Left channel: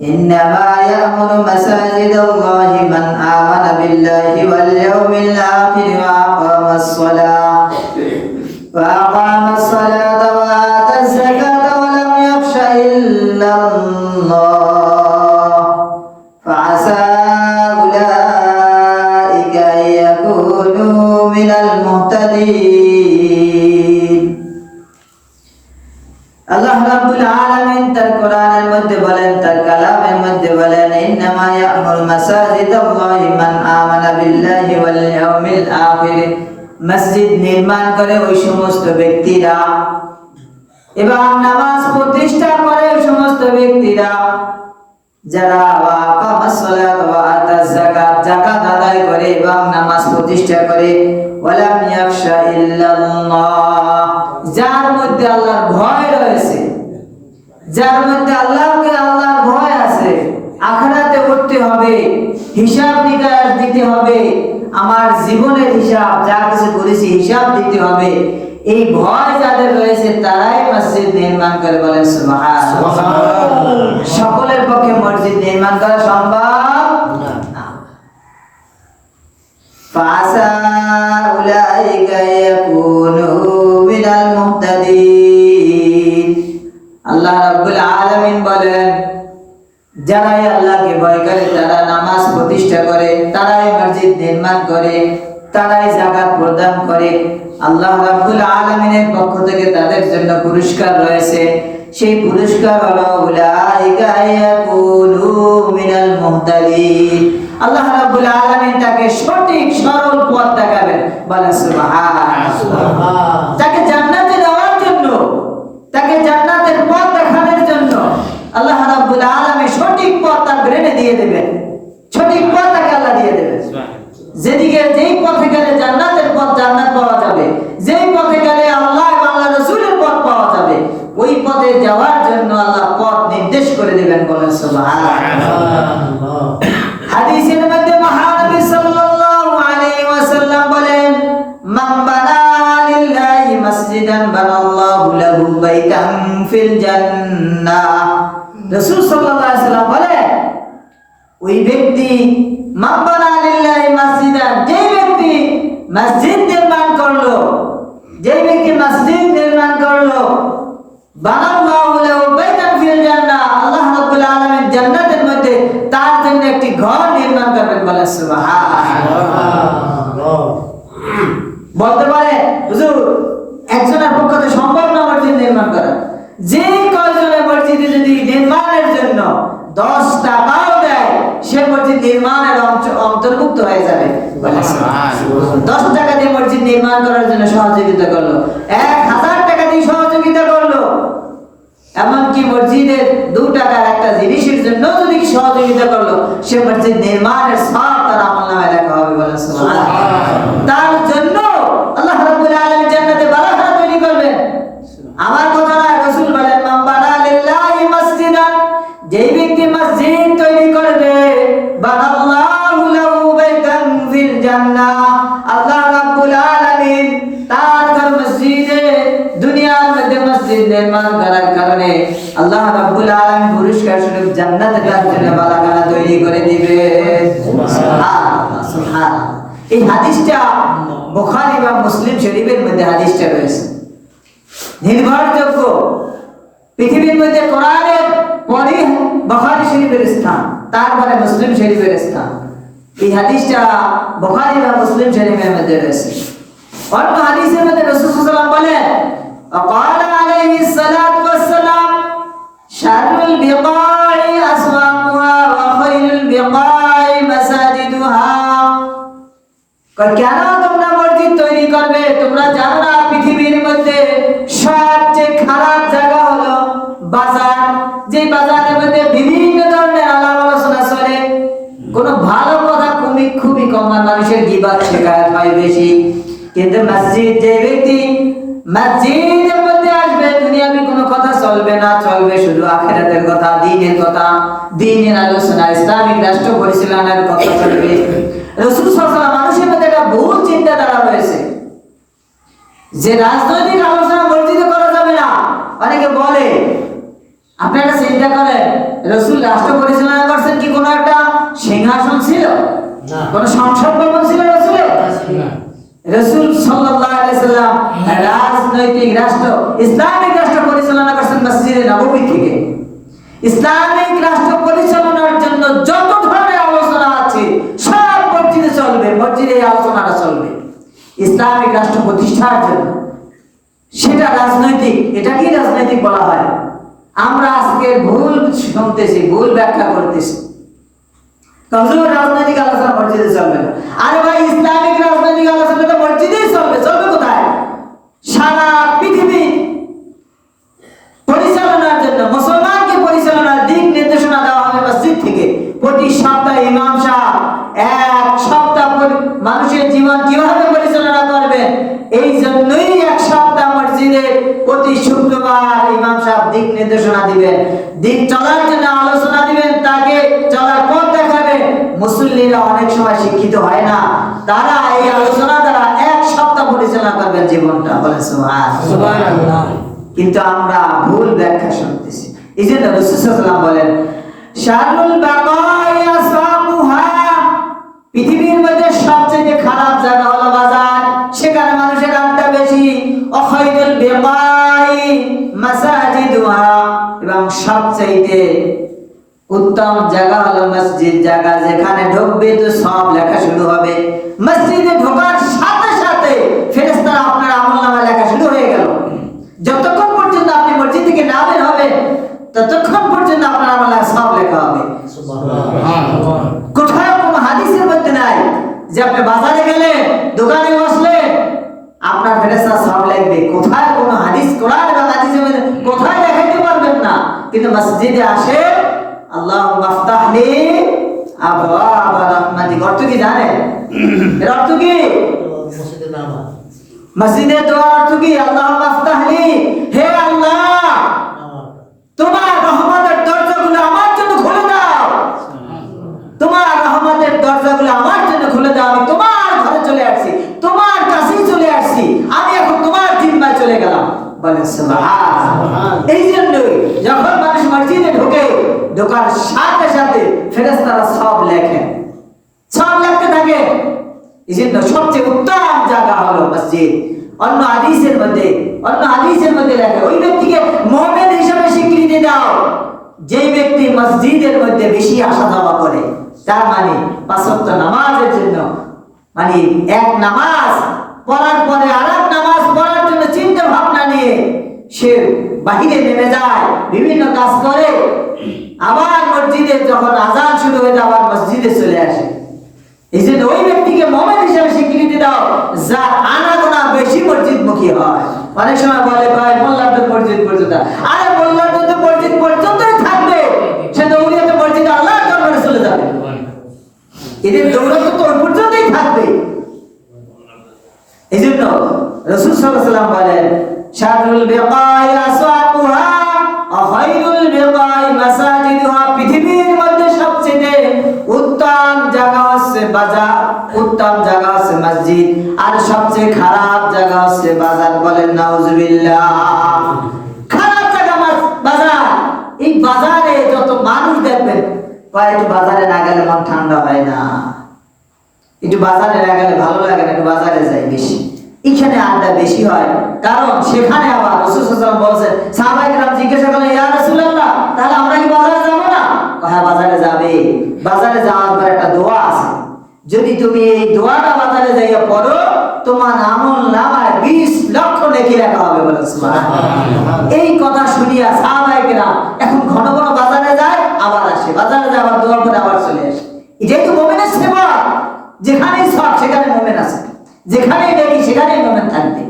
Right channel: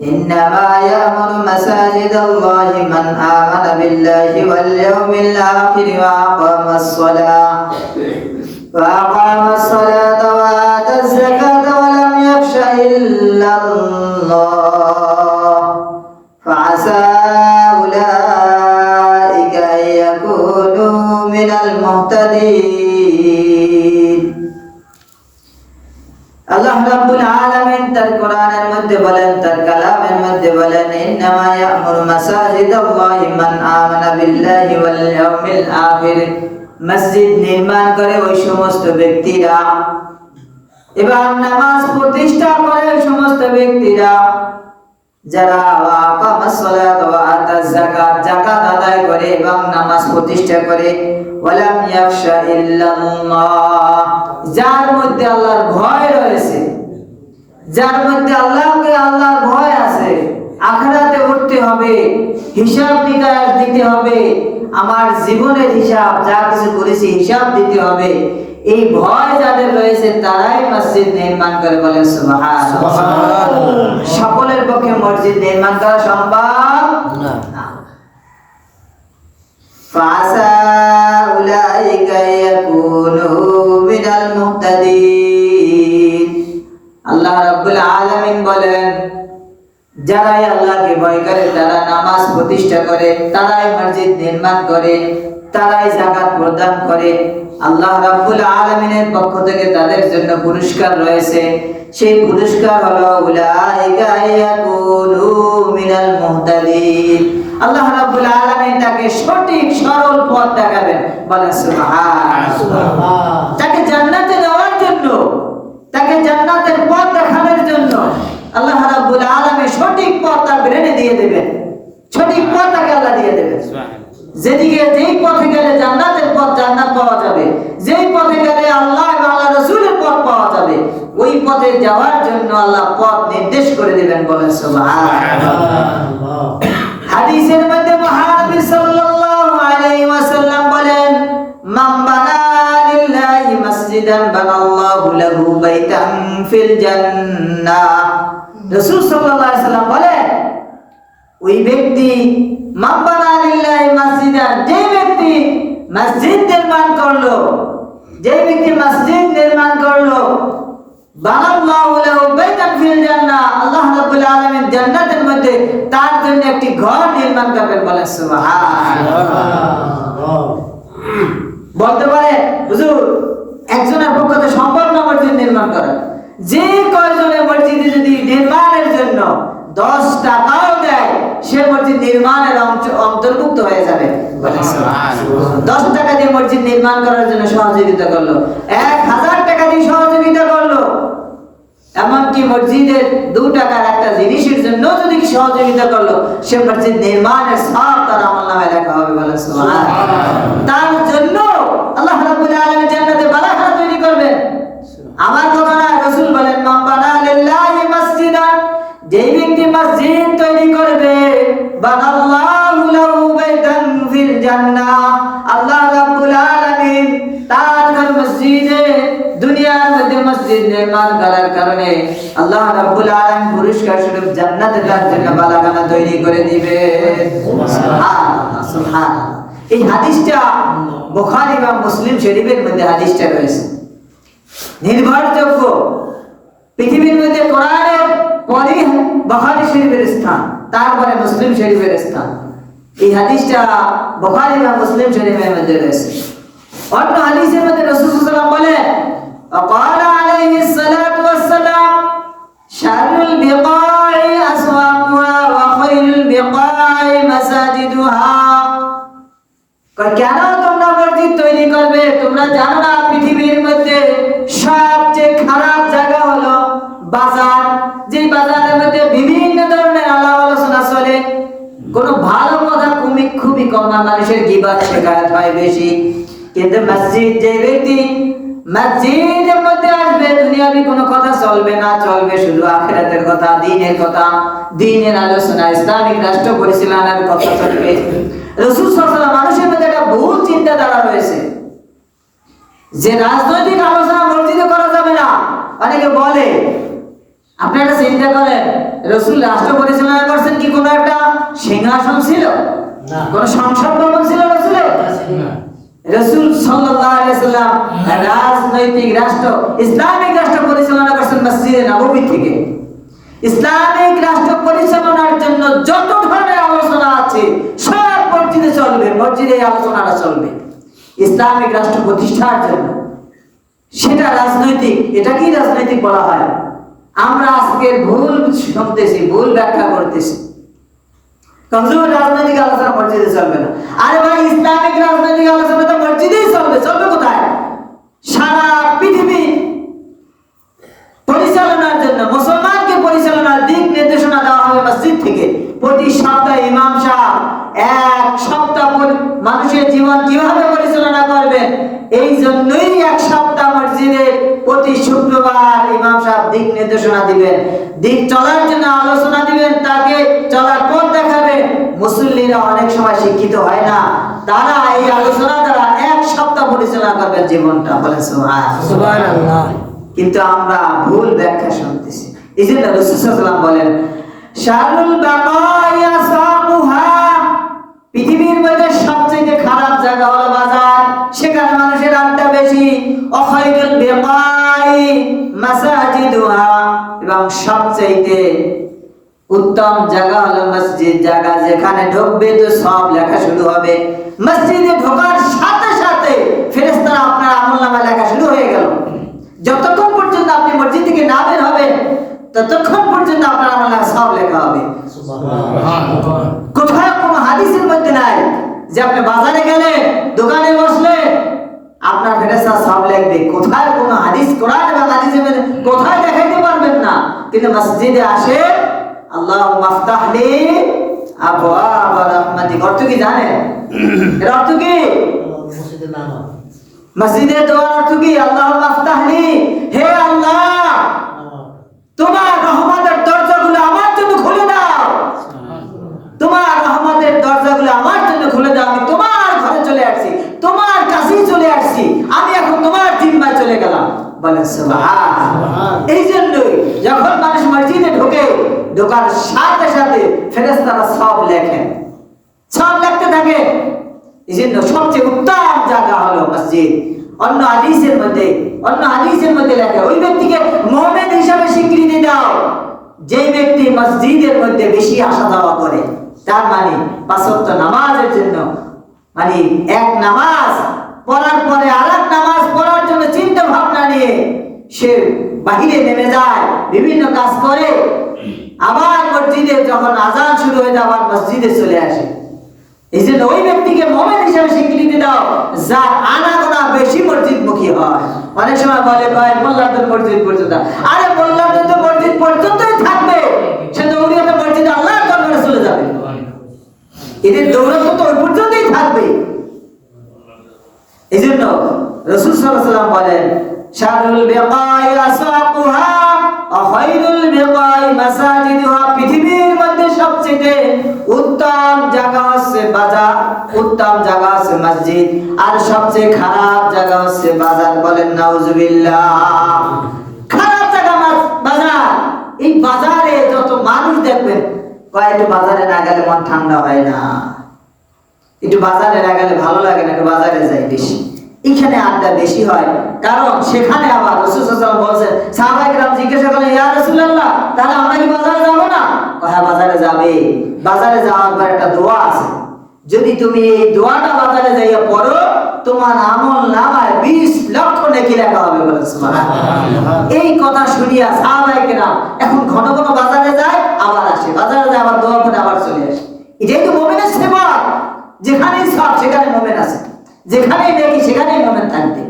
إنما يأمر مساجد الله من آمن بالله واليوم الآخر وأقام الصلاة وآتى الزكاة ولم يخش إلا الله فعسى أولئك أن يكونوا من المهتدين। আল্লাহ রাব্বুল আলামিন তার কোরআনের মধ্যে বলেন, তার কালামের মধ্যে বলেন, ইন্নামা ইয়া'মুরু মাসাজিদাল্লাহি মান আমানা বিল্লাহি ওয়াল ইয়াউমিল আখির। মসজিদ নির্মাণ করে ওই সমস্ত ব্যক্তিরা এবং নামাজ প্রতিষ্ঠা করে ওই সমস্ত ব্যক্তিরা যারা আকামাস সালাত ওয়া আতাজ যাকাত, যাকাত আদায় করে এবং নামাজ প্রতিষ্ঠা করে, ওয়ালাম ইয়াখশা ইল্লাল্লাহ, যার মধ্যে আল্লাহর ভয় রয়েছে, যার মধ্যে আল্লাহর ভয় আছে, আখিরাতে উঠতে হবে, হিসাব নিকাশ দিতে হবে, আমার জীবনের হিসাব যা কিছু করেছি হিসাব দিতে হবে, এই ভয় যাদের রয়েছে তারাই মসজিদ নির্মাণ করে। বলে সুবহানাল্লাহ। সকলের পক্ষে মসজিদ নির্মাণ করা সম্ভব না। ফাসা উলাইকা ইয়াকুনু মিনাল মুহতাদিন। আল্লাহ রাব্বুল আলামিন বলেন, যারাই আল্লাহকে ভয় করে, তারা নামাজ প্রতিষ্ঠা করে, তারাই মসজিদ নির্মাণ করে, তারাই যাকাত প্রদান করে, আল্লাহ রাব্বুল আলামিনের পক্ষ থেকে তাদের জন্য পুরস্কার রয়েছে। সেই পুরস্কার হলো উলাইকা ইয়াকুনু মিনাল মুহতাদিন। আল্লাহ রাব্বুল আলামিন তাকে সঠিক সরল পথ দেখাবেন। বলেন সুবহানাল্লাহ। তাকে জান্নাতে নেওয়ার জন্য, তাকে জান্নাতের পথ দেখানোর জন্য আল্লাহ রাব্বুল আলামিন সঠিক পথ তার ব্রেনে দিয়ে দেবেন, সঠিক পথ তাকে আল্লাহ দিয়ে দেবেন। যেদিকে যেই পথে গেলে জান্নাতের পথ, জান্নাত পাওয়া যাবে, যেই পথে গেলে আল্লাহ এবং আল্লাহর রাসূলের পথ পাওয়া যাবে, ওই পথে যাওয়ার জন্য আল্লাহ পথ নির্দেশ করে দিবেন। বলেন সুবহানাল্লাহ। হাদিসের মধ্যে মহানবী সাল্লাল্লাহু আলাইহি ওয়াসাল্লাম বলেন, মান বানা লিল্লাহি মাসজিদান বানাল্লাহু লাহু বাইতান ফিল জান্নাহ। রাসূল সাল্লাল্লাহু আলাইহি ওয়াসাল্লাম বলেন, ওই ব্যক্তি মান বানা লিল্লাহি মাসজিদান, যে ব্যক্তি মসজিদ নির্মাণ করলো, যে ব্যক্তি মসজিদ নির্মাণ করলো, বানাল্লাহু লাহু বাইতান ফিল জান্নাহ, আল্লাহ রাব্বুল আলামিন জান্নাতের মধ্যে তার জন্য একটি ঘর নির্মাণ করবেন। বলেন সুবহানাল্লাহ। বলতে পারে, হুজুর একজনের পক্ষে সম্ভব না মসজিদ নির্মাণ করা। যে কয়জনের মসজিদে যদি নির্মাণের জন্য 10 টাকাও দেয়, সে মসজিদ নির্মাণের অন্তর্ভুক্ত হয়ে যাবে। 10 টাকা দিয়ে মসজিদ নির্মাণ করার জন্য সহযোগিতা করলো, 1000 টাকা দিয়ে সহযোগিতা করলো, এমনকি মসজিদের 2 টাকার একটা জিনিসের জন্য যদি সহযোগিতা করলো, সে মসজিদ নির্মাণের সব তার আমলনামায় লেখা হবে। বলেন সুবহানাল্লাহ। তার জন্য আল্লাহ রাব্বুল আলামিন জান্নাতে বারাকাত তৈরি করবেন। আমার কথা না, রাসূল বলেন, মান বানা লিল্লাহি মাসজিদান, যেই ব্যক্তি মসজিদ তৈরি করবে, বানাল্লাহু লাহু বাইতান ফিল জান্নাহ, আল্লাহ রাব্বুল আলামিন তার মসজিদে, দুনিয়ার মধ্যে মসজিদ নির্মাণ করার কারণে আল্লাহ রাব্বুল আলামিন পুরস্কার স্বরূপ জান্নাতের জন্য বালাখানা তৈরি করে দিবেন। সুবহানাল্লাহ। এই হাদিসটা বুখারী এবং মুসলিম শরীফের মধ্যে হাদিসটা রয়েছে, নির্ভরযোগ্য। পৃথিবীর মধ্যে কোরআনের পরে বুখারী শরীফের স্থান, তারপরে মুসলিম শরীফের স্থান। এই হাদিসটা বুখারী এবং মুসলিম শরীফের মধ্যে রয়েছে। অন্য হাদিসের মধ্যে রাসূল সাল্লাল্লাহু আলাইহি ওয়াসাল্লাম বলেন, وقال عليه الصلاة والسلام شر البقاع أسواقها وخير البقاع مساجدها। কেন তোমরা মসজিদ তৈরি করবে? তোমরা জানো না পৃথিবীর মধ্যে সবচেয়ে খারাপ জায়গা হলো বাজার, যে বাজারের মধ্যে বিভিন্ন ধরনের আলাপ আলোচনা চলে, কোনো ভালো কথা খুবই কম, মানুষের গীবত শিকায়ত হয় বেশি। কিন্তু মসজিদ, যে ব্যক্তি মসজিদের মধ্যে আসবে, দুনিয়াবি কোনো কথা চলবে না, চলবে শুধু আখিরাতের কথা, দ্বীনের কথা, দ্বীনের আলোচনা, ইসলামিক রাষ্ট্র পরিচালনার কথা চলবে। রাসূল সাল্লাল্লাহু আলাইহি ওয়াসাল্লাম, মানুষের মধ্যে একটা ভুল চিন্তাধারা রয়েছে যে রাজনৈতিক আলোচনা মসজিদে করা যাবে না। অনেকে বলে আপনারা চিন্তা করেন, রাসূল রাষ্ট্র পরিচালনা করছেন কি কোনো একটা সিংহাসন ছিল? না। কোন সংসদ ভবন ছিল রাসূলের? না। রাসূল সাল্লাল্লাহু আলাইহি ওয়াসাল্লাম রাজনৈতিক রাষ্ট্র, ইসলামিক রাষ্ট্র পরিচালনা করছেন মসজিদে নববী থেকে। ইসলামিক রাষ্ট্র পরিচালনার জন্য যত ধরনের আলোচনা আছে সব মসজিদে চলবে, মসজিদে এই আলোচনাটা চলবে ইসলামিক রাষ্ট্র প্রতিষ্ঠার জন্য। সেটা রাজনৈতিক, এটা কি রাজনৈতিক বলা হয়? আমরা আজকে ভুল শুনতেছি, ভুল ব্যাখ্যা করতেছি। কমজোর রাজনৈতিক আলোচনা মসজিদে চলবে না। আরে ভাই, ইসলামিক রাজনৈতিক আলোচনা তো মসজিদেই চলবে। চলবে কোথায়? সারা পৃথিবী পরিচালনার জন্য, মুসলমানকে পরিচালনার দিক নির্দেশনা দেওয়া হবে মসজিদ থেকে। প্রতি সপ্তাহে ইমাম সাহেব এক সপ্তাহ মানুষের জীবন কিভাবে পরিচালনা করবে, এই জন্যই এক সপ্তাহ মসজিদে প্রতি শুক্রবার ইমাম সাহেব দিক নির্দেশনা দিবেন, দিক চলার জন্য আলোচনা দিবেন, তাকে চলার পথ দেখাবেন। মুসল্লিরা অনেক সময় শিক্ষিত হয় না, তারা এই আলোচনা দ্বারা এক সপ্তাহ পরিচালনা করবেন জীবনটা। বলেন সুবহানাল্লাহ। কিন্তু আমরা ভুল ব্যাখ্যা শুনতেছি। এই জন্য রাসূল সাল্লাল্লাহু আলাইহি ওয়াসাল্লাম বলেন, শারুল বাকাই আসাবুহা, পৃথিবীর মধ্যে সবচেয়ে খারাপ জায়গা হলো বাজার, সেখানে মানুষের আড্ডা বেশি। অখাইরুল বিকাই মাসাজিদুহা, এবং সবচেয়ে উত্তম জায়গা হলো মসজিদ, জায়গা যেখানে ঢুকবে তো সব লেখা শুরু হবে। মসজিদে ঢোকার সাথে সাথে ফেরেশতারা আপনার আমলনামা লেখা শুরু হয়ে গেল। যতক্ষণ পর্যন্ত আপনি মসজিদ থেকে না বের হবেন ততক্ষণ পর্যন্ত আপনার আমলনামা সব লেখা হবে। সুবহানাল্লাহ। কোথাও কোনো হাদিসের মধ্যে নাই যে আপনি বাজারে গেলে, দোকানে বসলে আপনার ফেরেশতা সব লিখবে। কোথায় কোনো হাদিস, কোরআন এবং হাদিসের মধ্যে কোথায় দেখাইতে পারবেন না। কিন্তু মসজিদে আসে, আল্লাহুম্মা আফতাহলি আবওয়াব রাহমাতিক, অর্থ কি জানেন? এর অর্থ কি? মসজিদের নামাজ, মসজিদে দোয়া অর্থ কি? আল্লাহুম্মা আফতাহলি, হে আল্লাহ তোমার রহমতের দরজাগুলো আমার জন্য খুলে দাও, তোমার রহমতের দরজাগুলো আমার জন্য খুলে দাও। আমি তোমার ঘরে চলে আসছি, তোমার কাছেই চলে আসছি, আমি এখন তোমার জিম্মায় চলে গেলাম। বলেন সুবহানাল্লাহ। এই জন্যই যখন মানুষ মসজিদে ঢোকে, ঢোকার সাথে সাথে ফেরেশতারা সব লেখেন, সব লিখতে থাকে। এই জন্য সবচেয়ে উত্তম জায়গা হলো মসজিদ। অন্য হাদিসের মধ্যে লেখে, ওই ব্যক্তিকে মুমিন হিসাবে স্বীকৃতি দাও যে ব্যক্তি মসজিদের মধ্যে বেশি আসা যাওয়া করে। তার মানে পাঁচ ওয়াক্ত নামাজের জন্য, মানে এক নামাজ পড়ার পরে আরেক নামাজ পড়ার জন্য চিন্তা ভাবনা নিয়ে সে বাহিরে নেমে যায়, বিভিন্ন কাজ করে, আবার মসজিদে যখন আযান শুরু হয়ে যায় আবার মসজিদে চলে আসে। এই জন্য ওই ব্যক্তিকে মুমিন হিসেবে স্বীকৃতি দাও যার আনাগোনা বেশি মসজিদমুখী হয়। অনেক সময় বলে ভাই মোল্লাদের মসজিদ পর্যন্ত, আরে মোল্লাদের তো মসজিদ পর্যন্তই থাকবে, সে দৌড়িয়ে মসজিদে আল্লাহর দরবারে চলে যাবে, এদের দৌড়ানো তো ওই পর্যন্তই থাকবে। এই জন্য রাসূল সাল্লাল্লাহু আলাইহি ওয়াসাল্লাম বলেন, শারুল বিকাই আসওয়াকুহা ওয়া খায়রুল বিকাই মাসাজিদুহা, পৃথিবীর মধ্যে সবচেয়ে উত্তম জায়গা হচ্ছে বাজার, উত্তম জায়গা হচ্ছে মসজিদ, আর সবচেয়ে খারাপ জায়গা হচ্ছে বাজার। বলেন নাউজুবিল্লাহ। খারাপ জায়গা বাজার। এই বাজারে যত মানুষ দেখবেন, একটু বাজারে না গেলে মন ঠান্ডা হয় না, একটু বাজারে না গেলে ভালো লাগে না, একটু বাজারে যাই বেশি, এখানে আড্ডা বেশি হয়। কারণ সেখানে আবার রাসূল সাল্লাল্লাহু আলাইহি ওয়াসাল্লাম বলেন, সাহাবায়ে কেরাম জিজ্ঞাসা করলেন, ইয়া রাসূলুল্লাহ, তাহলে আমরা কি বাজারে যাব না? হ্যাঁ, বাজারে যাবে। বাজারে যাওয়ার পর একটা দোয়া আছে, যদি তুমি এই দোয়াটা বাজারে যাইয়া পড়ো, তোমার আমলনামায় 20 লক্ষ নেকি লেখা হবে। বলেন সুবহানাল্লাহ। এই কথা শুনিয়া সাহাবায়ে কেরাম এখন ঘন ঘন বাজারে যায়, আবার আসে, বাজারে যায় আবার দোয়া করে আবার চলে আসে। এটাই তো মুমিনের সেবা। যেখানেই সব সেখানে মুমিন আছে, যেখানেই দেখি সেখানেই মুমিন থাকবে।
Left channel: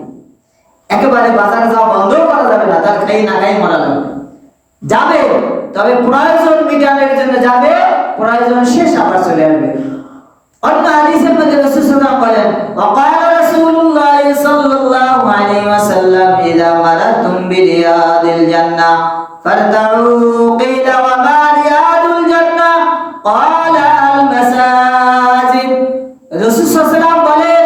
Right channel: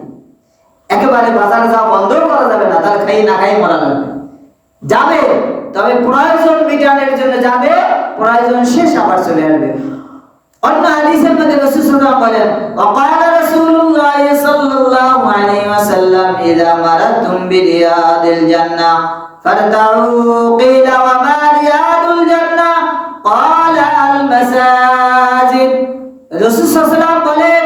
একেবারে বাজারে যাওয়া বন্ধ করা যাবে না, তার খাই না খাই মরা যাবে, তবে প্রয়োজন মিটানোর জন্য যাবে, প্রয়োজন শেষ আবার চলে আসবে। অন্য হাদিসের মধ্যে রাসূল সাল্লাল্লাহু আলাইহি ওয়াসাল্লাম বলেন, ওয়াকালা রাসূলুল্লাহ সাল্লাল্লাহু আলাইহি ওয়াসাল্লাম, ইযা মারাতুম বিরিয়াদিল জান্নাহ ফারতাউ, কিলা ওয়া মা রিয়াদুল জান্নাহ, ক্বালা আল মাসাজিদ। রাসূল সাল্লাল্লাহু আলাইহি ওয়াসাল্লাম বলেন,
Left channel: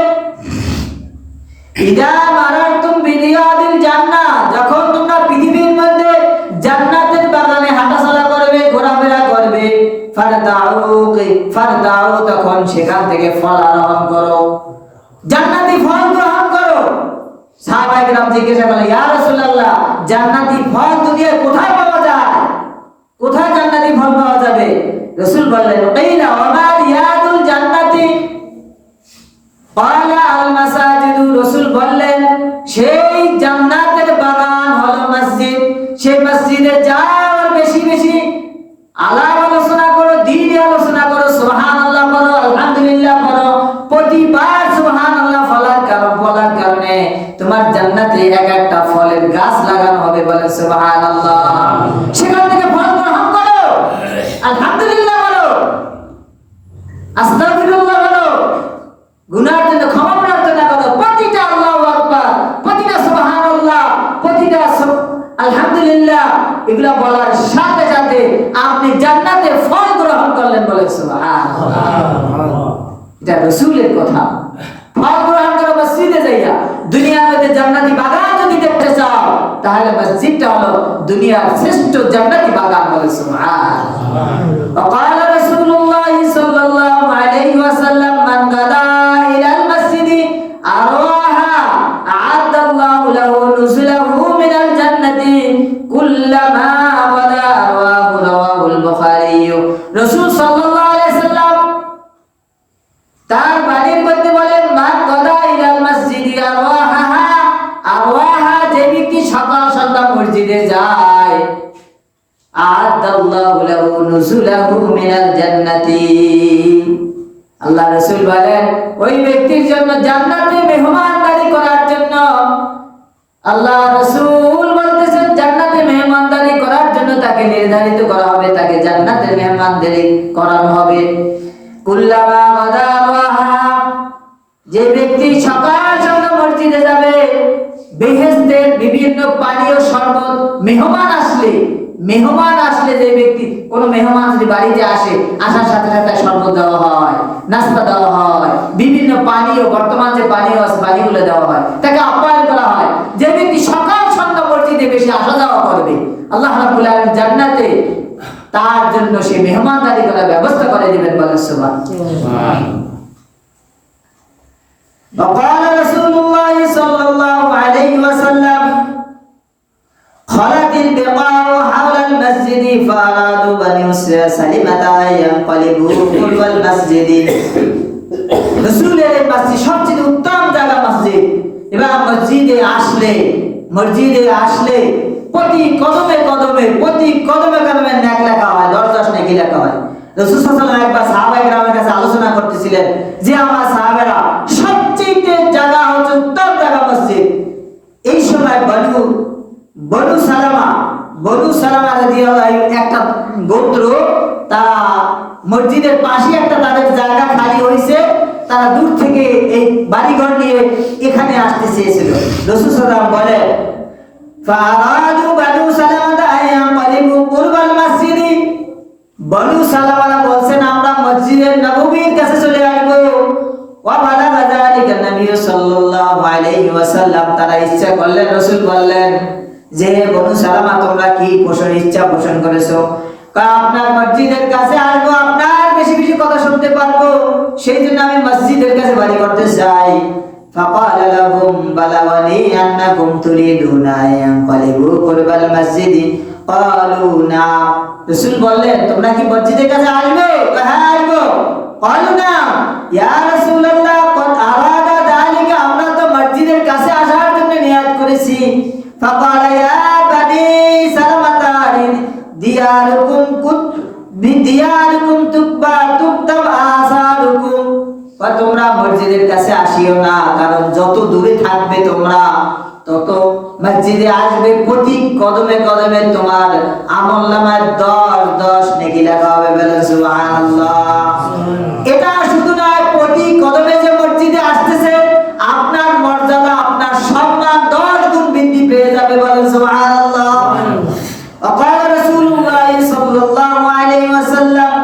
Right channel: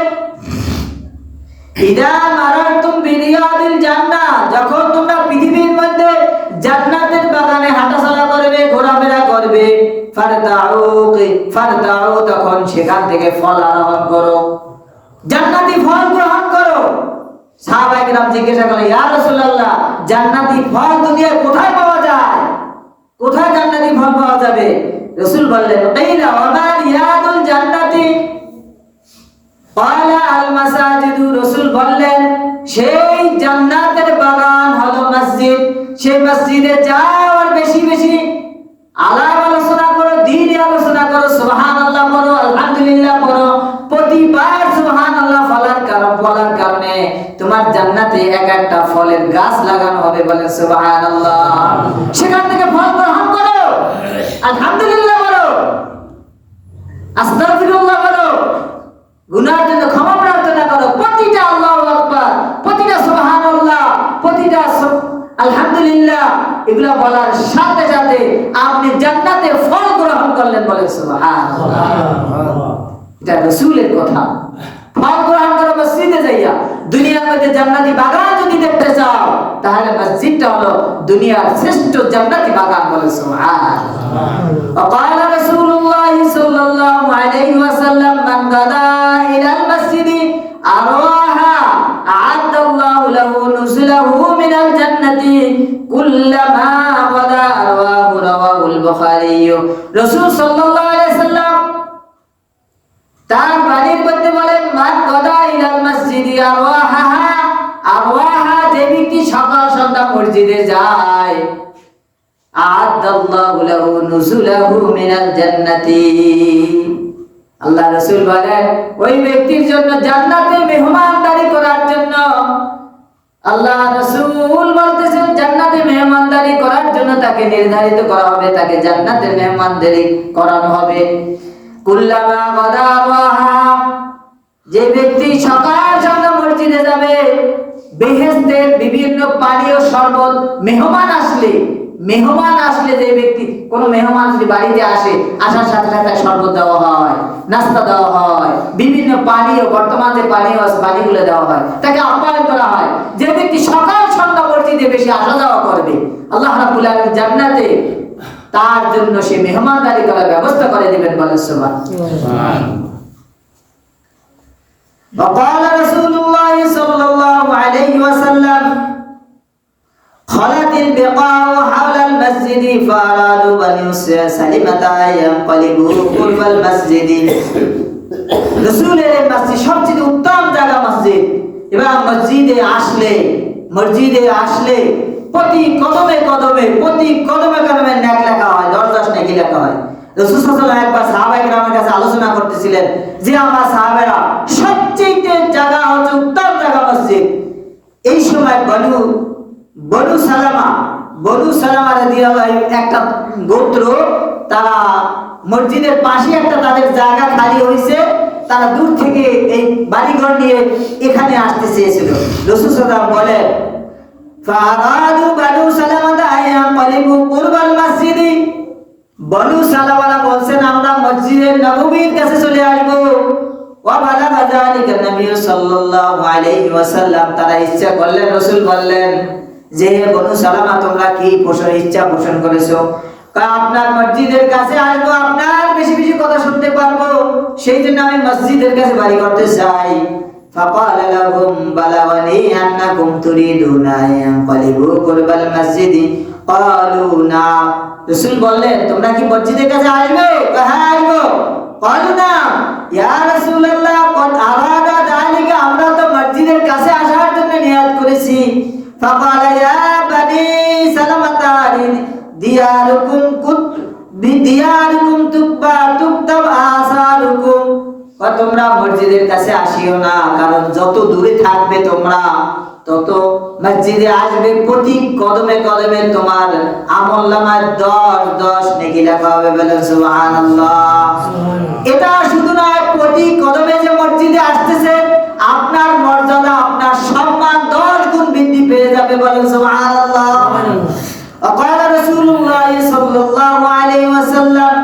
ইযা মারাতুম বিরিয়াদিল জান্নাহ, যখন তোমরা পৃথিবীর মধ্যে জান্নাতের বাগান ফারদাউ তখন সেখান থেকে ফল আরোহণ করো, জান্নাতি ফল গ্রহণ করো। সাহাবায়ে কেরাম জিজ্ঞাসা করলেন, ইয়া রাসূলুল্লাহ, জান্নাতি ফল দুনিয়ায় কোথায় পাওয়া যায়? কোথায় জান্নাতি ফল পাওয়া যাবে? রাসূল বললেন, কিলা ওয়া মা রিয়াদুল জান্নাতি ক্বালা আল মাসাজিদু। রাসূল বললেন, সেই জান্নাতের বাগান হলো মসজিদ। সেই মসজিদে যাও আর বেশি বেশি আলাপ আলোচনা করো, দ্বীনি আলোচনা করো, সুবহানাল্লাহ বলো, আলহামদুলিল্লাহ বলো। প্রতিবার সুবহানাল্লাহ বলার কারণে তোমার জান্নাতে এক একটা ফলের গাছ লাগানো হবে, বলেন সুবহানাল্লাহ। সেখান থেকে ফল গ্রহণ করো, আলহামদুলিল্লাহ বলো, আস্তাগফিরুল্লাহ বলো, গুনাহের জন্য ক্ষমা প্রার্থনা করো। প্রতিটা আল্লাহু আকবার, প্রতিটা সুবহানাল্লাহ, প্রতিটা আলহামদুলিল্লাহ এগুলা বলার সাথে সাথে আপনি জান্নাতে ফল গ্রহণ করলেন, বলেন সুবহানাল্লাহ। এটা রাসূলের কথা। ফল গ্রহণ করো মসজিদে যাইয়া। দুনিয়ার মধ্যে জান্নাতি বাগান যদি দেখতে চাও তাহলে মসজিদটা হলো দুনিয়ার শ্রেষ্ঠ জান্নাতি বাগান, বলেন সুবহানাল্লাহ। وقال رسول الله صلى الله عليه وسلم من غدا إلى المسجد أرواها أعد الله له نزله من الجنة كلما غدا أرواه رواه البخاري। رسول صلى الله عليه وسلم তার বাণীর মধ্যে বলেন, মান গদা ইলাল মসজিদি আরওয়াহা, যে ব্যক্তি সকাল সন্ধ্যা মসজিদে যায়, আ'আদাল্লাহু লাহু নুজুলাহু মিনাল জান্নাতি। আল্লাহ রাসূল বলেন, ওই ব্যক্তির জন্য জান্নাতে মেহমানদারি করার জন্য, আল্লাহ রাসূল বলতেছেন জান্নাতে মেহমানদারি করার জন্য তাকে নির্ধারিত করা হবে, তাকে জান্নাতে মেহমানদারি করানো হবে। কুল্লামা গাদা আরওয়াহা, যে ব্যক্তি সকাল সন্ধ্যা মসজিদে যাবে, বেহেশতের বিভিন্ন পানীয় শরবত, মেহমান আসলে যে ব্যক্তি, কোন মেহমান যদি বাড়িতে আসে, আসার সাথে সাথে শরবত দেওয়া হয়, নাস্তা দেওয়া হয়, বিভিন্ন পানীয়, বর্তমান যে পানীয় আছে পানিগুলো দেওয়া হয়, তাকে আপ্যায়ন করা হয়। যে ব্যক্তি সকাল সন্ধ্যা মসজিদে বেশি আসা যাওয়া করবে, আল্লাহ রাব্বুল আলামিন জান্নাতে তার জন্য সে মেহমানদারি করার ব্যবস্থা করে দিবেন, বলেন সুবহানাল্লাহ। وقال رسول الله صلى الله عليه وسلم خلت البقاع حول المسجد فأرادوا بني سلمة أن ينقلبوا قرب المسجد। রাসূলের মসজিদ সবচেয়ে উত্তম জায়গা মসজিদ, এবং মসজিদে আসলে প্রতি কদমে কদমে নেক লেখা হয়, 10 নেকি লেখা হয়। রাসূল সাল্লাল্লাহু আলাইহি ওয়াসাল্লাম একবার সাহাবায়ে কেরামের কাছে আলোচনা করতেছিলেন যে আমার সাহাবারা সবচেয়ে জায়গা হচ্ছে উত্তম জায়গা মসজিদ। এই সময় বনু সালামা রাদিয়াল্লাহু একটা গোত্র, তারা মসজিদের পাশে একটা তাদের জায়গা খালি হয়েছে, তারা দূর থেকে এই বাড়িঘর নিয়ে এখানে আসতে চেয়েছিল। রাসূল সাল্লাল্লাহু আলাইহি ওয়াসাল্লাম বলে, ফাআদু বনু সালামা আয়ানকালিবু কুরবাল মসজিদি। বনু সালামা বলছেন আমরা মসজিদের নববীর কাছে চলে আসব। ওয়া বালাগা যালিকা নবী সাল্লাল্লাহু আলাইহি ওয়াসাল্লাম, তারা ইচ্ছা করলেন, রাসূল বললেন যে বনু সালামা তোমরা কি ইচ্ছা পোষণ করেছো? আপনার মসজিদের কাছে আসবো, আপনার বেশি বেশি কথা শুনতে পারবো, সেই জন্য আমি মসজিদের কাছে বাড়ি করতে চাই। فقال لهم بلغني أنكم تريدون أن ينقلبوا قرب المسجد قالوا نعم। রাসূল বললেন তোমরা কি মসজিদের কাছে আসবে? হ্যাঁ আসবো। قالوا نعم يا رسول الله قد أراد ذلك, আমরা তো মসজিদের কাছে আসার জন্য নিয়ত করেছি। فقال يا بني سلمة দিয়ারুকুম তুকতাব আসারুকুম, তোমরা মসজিদের কাছে আসিও না, কারণ যত দূরে থাকবে তোমরা তত মসজিদে আসবে, প্রতি কদমে কদমে তোমার আমলনামায় 10 নেকি লেখা হবে, বলেন সুবহানাল্লাহ। এটা শুধু নয়, প্রতি কদমে যে মসজিদে আসতেছে আপনার মর্যাদা, আপনার সম্মান 10 গুণ বৃদ্ধি পেয়ে যাবে, বলেন সুবহানাল্লাহ। وقال رسول الله صلى الله عليه وسلم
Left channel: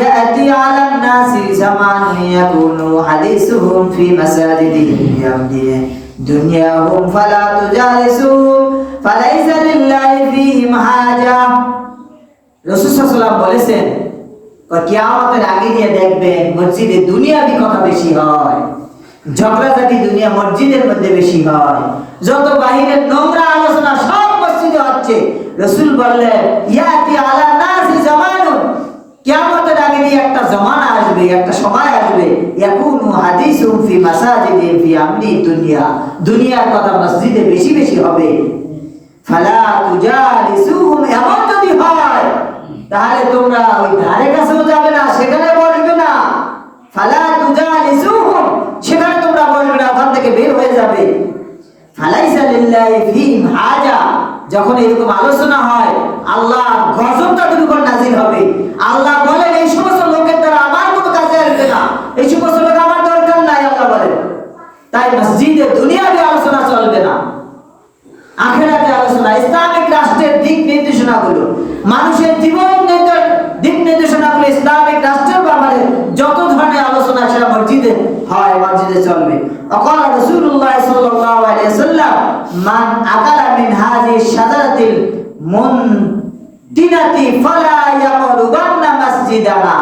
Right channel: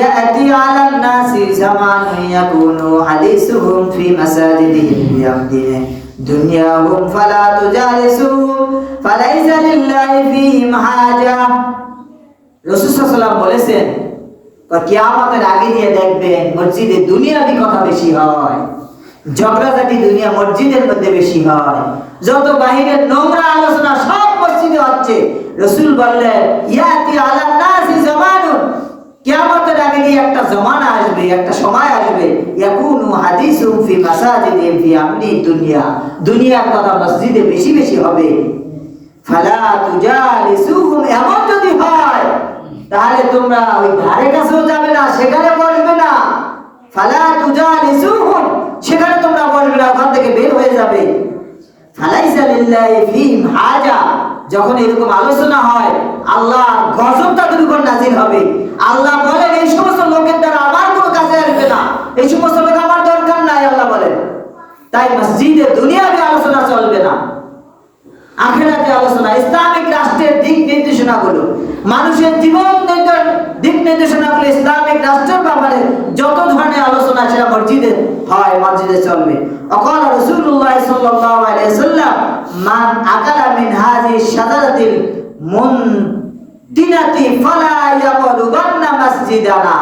يأتي على الناس زمان يكون حديثهم في مساجدهم يمضي دنياهم فلا تجالسوهم فليس لله فيهم حاجة। রাসূল সাল্লাল্লাহু আলাইহি ওয়াসাল্লাম বলেছেন কিয়ামতের আগে দিয়ে দেখবেন মসজিদে দুনিয়াবি কথা বেশি হয়, ঝগড়াঝাটি দুনিয়া মসজিদের মধ্যে বেশি হয়, যত বাহিরের নোংরা আলোচনা সব মসজিদে হচ্ছে। রাসূল বললেন ইয়াতি আলা নাসি জামানুন, কিয়ামতের আগে দিয়ে একটা জমানা আসবে, একটা সময় আসবে, ইয়াকুনু হাদিসুম ফি মাসাজিদি ফি আমরি দুনিয়া, দুনিয়ার কথা মসজিদে বেশি বেশি হবে। ফালা তুজালিসুহুম, এমন যদি হয় তাহলে তোমরা ওই ধারে কাছেও যাবে না, সেখানে বসবে না। ফালা তুজালিসুহুম, সেখানে তোমরা বসবে না, ওখান থেকে বের হয়ে যাবে। ফালাইসা লিল্লাহি ফীহিম হাজা, যখন এরকম আলোচনা হয় আল্লাহ গজব তাদের উপর নাযিল হবে। আল্লাহ বলেন এই সমস্ত লোকের দ্বারা আমার কোনো কাজে আসবে না, এই সমস্ত লোক আমার দরকার নাই, আল্লাহ বলেন। তাই মসজিদে দুনিয়াবি আলোচনা চলবে না, আখিরাতে আলোচনা, ইসলামিক রাষ্ট্রের দিক নির্দেশনাগুলো, মানুষের জীবন দিক নির্দেশনাগুলো, ইসলামিক রাষ্ট্রের ব্যাপারে যত ধরনের আলোচনা সেটা মসজিদে হয়, মসজিদে চলবে। অকাল রাসূলুল্লাহ সাল্লাল্লাহু আলাইহি ওয়াসাল্লাম মান আকালা মিন হাযিহি শাজারাতিল মুনতিনাতি ফালা ইয়াকরুবান্না মসজিদানা,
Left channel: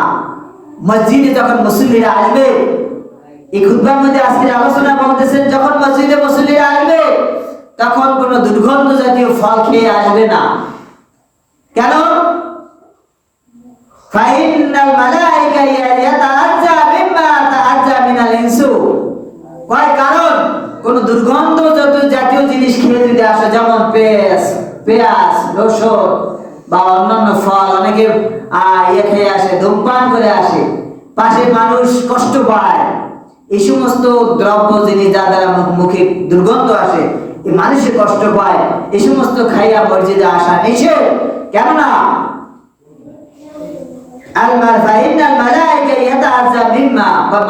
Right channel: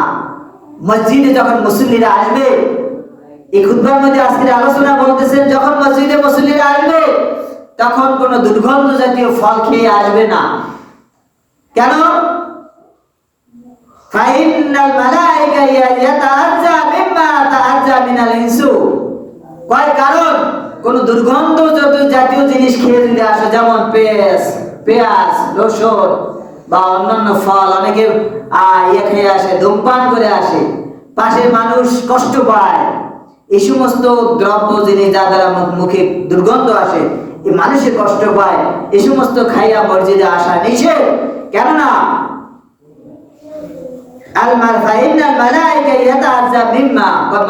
মসজিদে যখন মুসল্লিরা আসবে, এই খুতবার মধ্যে আজকের আলোচনা বলতেছেন যখন মসজিদে মুসল্লিরা আসবে তখন কোন দুর্গন্ধ জাতীয় ফল খেয়ে আসবে না। কেন? ফাইনাল মালায়েকা ইয়াতাআজ্জা মিম্মা তাআজ্জা মিনাল ইনসু, কারণ কোন দুর্গন্ধ জাতীয় জিনিস খেয়ে যদি আসে, যেমন পেঁয়াজ, রসুন বা অন্যান্য ফল, অনেকে ইয়ে খেয়ে আসে, ধূমপান করে আসে, পাশের মানুষ কষ্ট পায়, এই সমস্ত দ্রব্য জিনিস যা দ্বারা মুখে দুর্গন্ধ আসে, এই মানুষের কষ্ট পায়, এই সমস্ত খাইয়া মসজিদে আসা নিষেধ। কেননা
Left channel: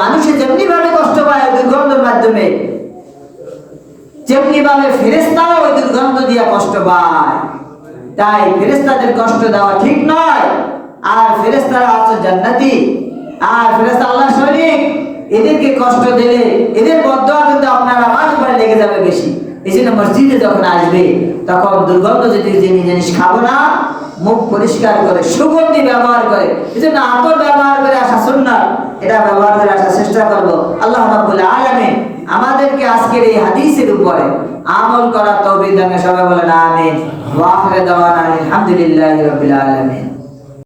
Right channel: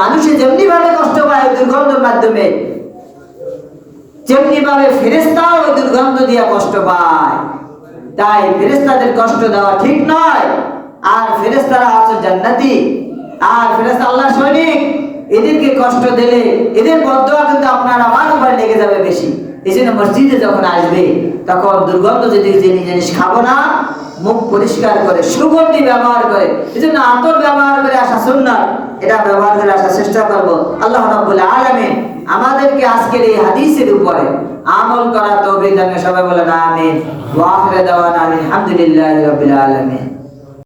মানুষের যেমনি ভাবে কষ্ট পায় দুর্গন্ধের মাধ্যমে, তেমনি ভাবে ফেরেশতাও ওই দুর্গন্ধ দিয়ে কষ্ট পায়। তাই ফেরেশতাদের কষ্ট দেওয়া ঠিক নয়। আর ফেরেশতারা আছে জান্নাতি, আর ফেরেশতা আল্লাহর সৈনিক, এদেরকে কষ্ট দিলে এদের বদদোয়া কিন্তু আপনার আমার উপরে লেগে যাবে বেশি। এই জন্য মসজিদে যখন আসবে তখন দুর্গন্ধ যদি জিনিস খাবো না, মুখ পরিষ্কার করে সুগন্ধি ব্যবহার করে, এই জন্য আতর ব্যবহার করে আসা সুন্নাত, এটা ব্যবহার করে আসার চেষ্টা করবো। আল্লাহ রাব্বুল আলামিন আমাদেরকে আজকের এই হাদিসের উপরে আমল করার তৌফিক দান করেন। সবাই বলেন আমিন। ওয়া আখিরু দাওয়ানা আলহামদুলিল্লাহি রাব্বিল আলামিন।